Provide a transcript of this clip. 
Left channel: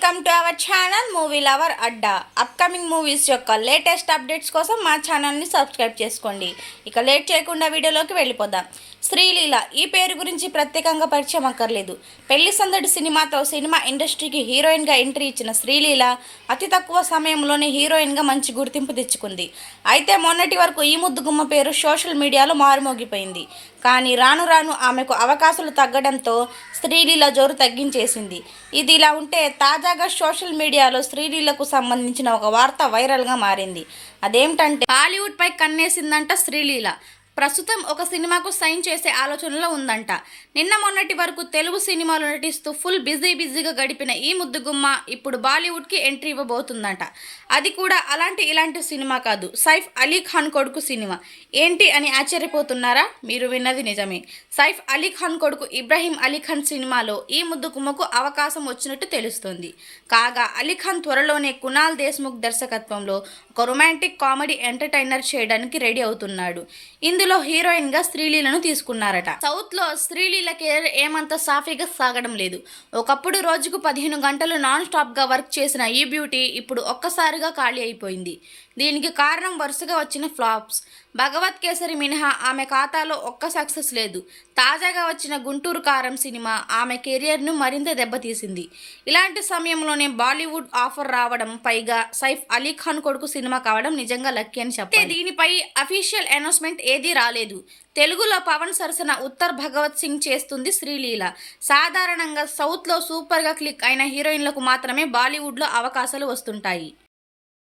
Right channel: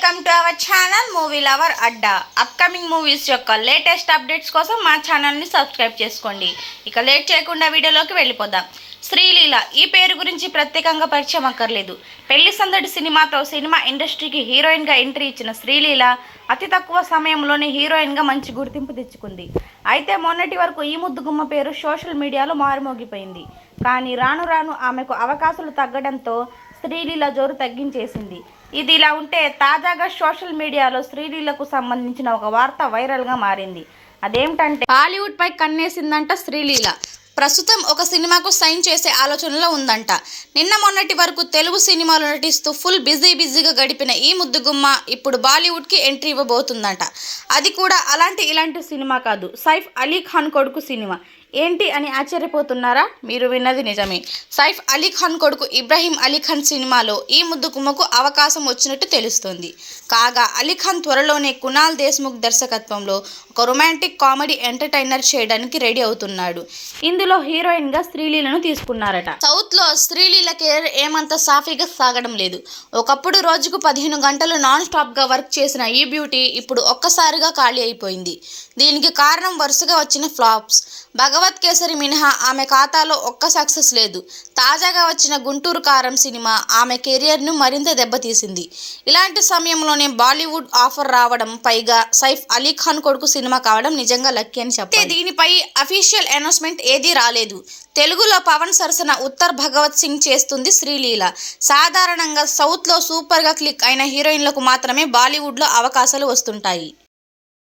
Welcome to our channel movie lover Adda upcoming movies యొక్క latest updates కోసం మా ఛానల్ని సబ్స్క్రైబ్ చేసుకోండి. ఇక లేట్ చేయకుండా వీడియోలోకి వెళ్ళిపోదాం. శ్రీలీల ఈ పేరు గురించి ప్రత్యేకంగా పరిచయం అక్కర్లేదు. పెళ్ళి సందడి సినిమాతో సినిమా ఇండస్ట్రీకి హీరోయిన్గా ఎంట్రీ ఇచ్చిన శ్రీలీల అతి తక్కువ సమయంలోనే హీరోయిన్గా మంచి గుర్తింపు తెచ్చుకుంది. అయితే మొన్నటి వరకు ఈ ముద్దుగుమ్మ పేరు సోషల్ మీడియాలో మారుమోగిపోయింది. కానీ రాను రాను ఆమెకు అవకాశాలు తగ్గడంతో శ్రీలీల జోరు తగ్గించేసింది. ఇది ఇలా ఉంటే తాజాగా సోషల్ మీడియాలో శ్రీలీలకు సంబంధించిన ఒక వార్త వైరల్గా మారింది. అదేమిటంటే బాలీవుడ్ పై కన్నేసిందంట శ్రీలీల ప్రస్తుతం ఒక సినిమాకు సైన్ చేసే ఆలోచనలో ఉందంట. నిన్న మొన్నటి వరకు తెలుగు సినిమాలు నటిస్తూ ఫుల్ బిజీ బిజీగా గడిపిన ఈ ముద్దుగుమ్మ ఇప్పుడు బాలీవుడ్కి ఎంట్రీ ఇవ్వబోతుందంట. అది కూడా అలాంటి ఇలాంటి సినిమా కాదు. సైఫ్ అలీ ఖాన్ కొడుకు సినిమా. ఏంటి అని ఆశ్చర్యపోతున్నారా? మీరు విన్నది నిజమే. సైఫ్ అలీ ఖాన్ కొడుకు ఇబ్రాహీం అలీ ఖాన్ సినిమాలో ఈ ముద్దుగుమ్మకు అవకాశం వచ్చినట్టు తెలుస్తోంది. కాగా అలీ ఖాన్ త్వరలోనే కునాల్ దేశ్ముఖ్ దర్శకత్వంలో ఒక రొమాంటిక్ కామెడీ ఎంటర్టైనర్ చేయడానికి రెడీ అవుతున్నాడు. ఇందులో హీరోయిన్గా శ్రీలీలను తీసుకున్నారట. సౌత్లో శ్రీలీల కెరీర్ ఏమంత సాఫీగా సాగడం లేదు. ఒకప్పుడు రోజుకు పదిహేను గంటలు నాన్ స్టాప్గా వర్క్ చేసిన ఈ బ్యూటీ ఇప్పుడు ఒక్కసారిగా ఖాళీ అయిపోయింది. దీనికి కారణం వరుసగా వచ్చిన ఫ్లాప్స్. భగవత్ కేసరి మినహా ఆమె ఖాతాలో ఒక్క సక్సెస్ లేదు. తాజాగా వచ్చిన గుంటూరు కారం సినిమా ఆమె కెరియర్ను మరింత దెబ్బతీసింది. ఇలాంటి సమయంలోనే బాలీవుడ్ ఆఫర్ రావడం పైగా సైఫ్ అలీ ఖాన్ కొడుకు సినిమా కావడం నిజంగా లక్కీ అని చెప్పాలి. దీనిపై అఫీషియల్ అనౌన్స్మెంట్ ఏదీ రాలేదు. తెలుగులో పవన్ సరసన ఉత్తర్ భగవత్ సింగ్ చేస్తుంది శ్రీలీల. సాధారణంగా సౌత్లో సూపర్గా క్లిక్ అయిన హీరోయిన్లకు మాత్రమే బాలీవుడ్లో అవకాశాలు వస్తుంటాయి.